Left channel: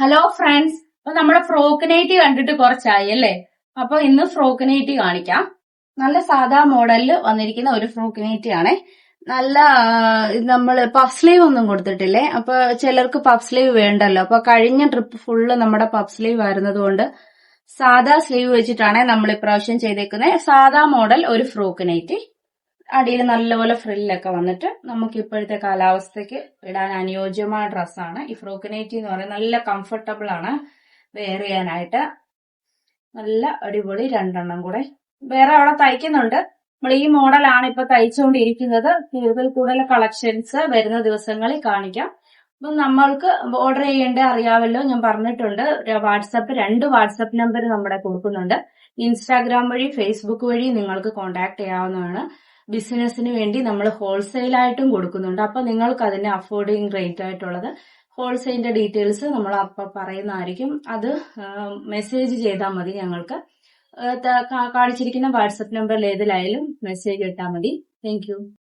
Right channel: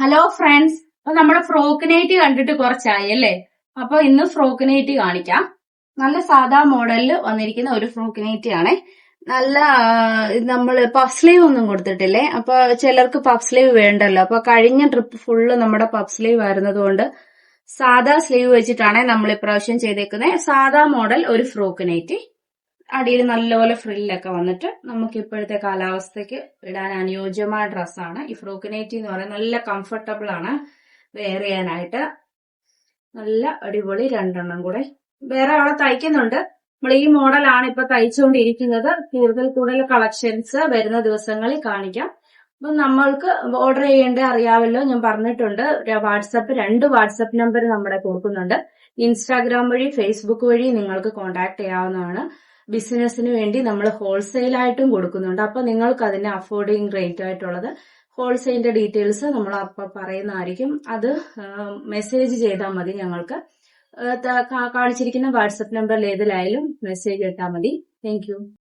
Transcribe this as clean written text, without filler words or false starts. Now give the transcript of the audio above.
Hello friends, അപ്പൊ നമ്മുടെ frock nightie കണ്ടിട്ട് കുറച്ചായി അല്ലേ? അപ്പൊ ഇന്ന് ഫ്രോക്ക് നൈറ്റി കാണിക്കാം. നല്ല സാധാ മോഡലിൽ വന്നിരിക്കുന്ന ഒരു ഫ്രോക്ക് നൈറ്റി ആണേ. നല്ല നമ്മള് പഫ് സ്ലീവ് ഒന്നും കൊടുത്തിട്ടില്ലേ. അപ്പൊ ചിലർക്ക് പഫ് സ്ലീവ് വേണ്ടല്ലോ. അപ്പൊ കഴിഞ്ഞ ട്രിപ്പ് ഫുള്ള് നമ്മുടെ പഫ് സ്ലീവ് ആയിരുന്നത് കൊണ്ട് സാധാ സ്ലീവ് വെച്ചിട്ടാണ് നമ്മൾ ഇപ്രാവശ്യം ചെയ്തേക്കുന്നത്. സാധാ മോഡൽ ഒരു ഫ്രോക്ക് നൈറ്റി. അടിയിൽ നല്ലപോലെ ഫ്രില്ലൊക്കെ വന്നിട്ട് നമുക്ക് ഇപ്പോഴത്തെ കാലാവസ്ഥയ്ക്ക് ഇടാൻ അനുയോജ്യമായ ഡ്രസ്സാണ് ഈ ഫ്രോക്ക് നൈറ്റി എന്ന് പറയുന്നത്. നല്ല കംഫർട്ടബിൾ ആണ് വെയർ ചെയ്യാനായിട്ട്. നല്ല അടിപൊളി രണ്ടെണ്ണം കൂടെ വേറെ അവിടെ തയ്ക്കുന്നുണ്ട്. നമ്മൾ ഈ മോഡലാണ് ഇപ്പൊ തയ്ച്ചുകൊണ്ടിരിക്കുന്നത്. കൂടുതൽ കളക്ഷൻസ് വരുന്ന ദിവസങ്ങളിൽ കാണിക്കാം. അപ്പൊ നമ്മൾക്ക് ഓർഡർ ചെയ്യേണ്ട അറിയാമല്ലോ, ഞാൻ പറഞ്ഞിട്ടുണ്ട്. രണ്ട് വാട്സപ്പ് നമ്പർ നമ്മുടെ കൊടുക്കുന്നുണ്ട്. ഇൻസ്റ്റാഗ്രാം വഴി ഫേസ്ബുക്ക് വഴി നിങ്ങൾക്ക് കോൺടാക്ട് ചെയ്യാവുന്നതാണ്. ബിസിനസിന് വേണ്ടി നമ്മൾ ഹോൾസെയിലായിട്ടും കൊടുക്കുന്നുണ്ട്. അപ്പൊ നിങ്ങൾക്ക് അതിന് അഫോർഡിങ് റേറ്റ് ആയിട്ടുള്ളത് ഹോൾസെയിലിന്റെ ഡീറ്റെയിൽസ് നമ്മൾ അപ്പൊ പറയുന്നതായിരിക്കും. അത് മെസ്സേജ് ചെയ്താൽ മതി. ഞങ്ങൾക്ക് കാണിച്ചിരിക്കുന്ന വാട്സപ്പ് നമ്പറിൽ ഏതിലായാലും മെസ്സേജ് ഇട്ടാൽ മതി. താങ്ക്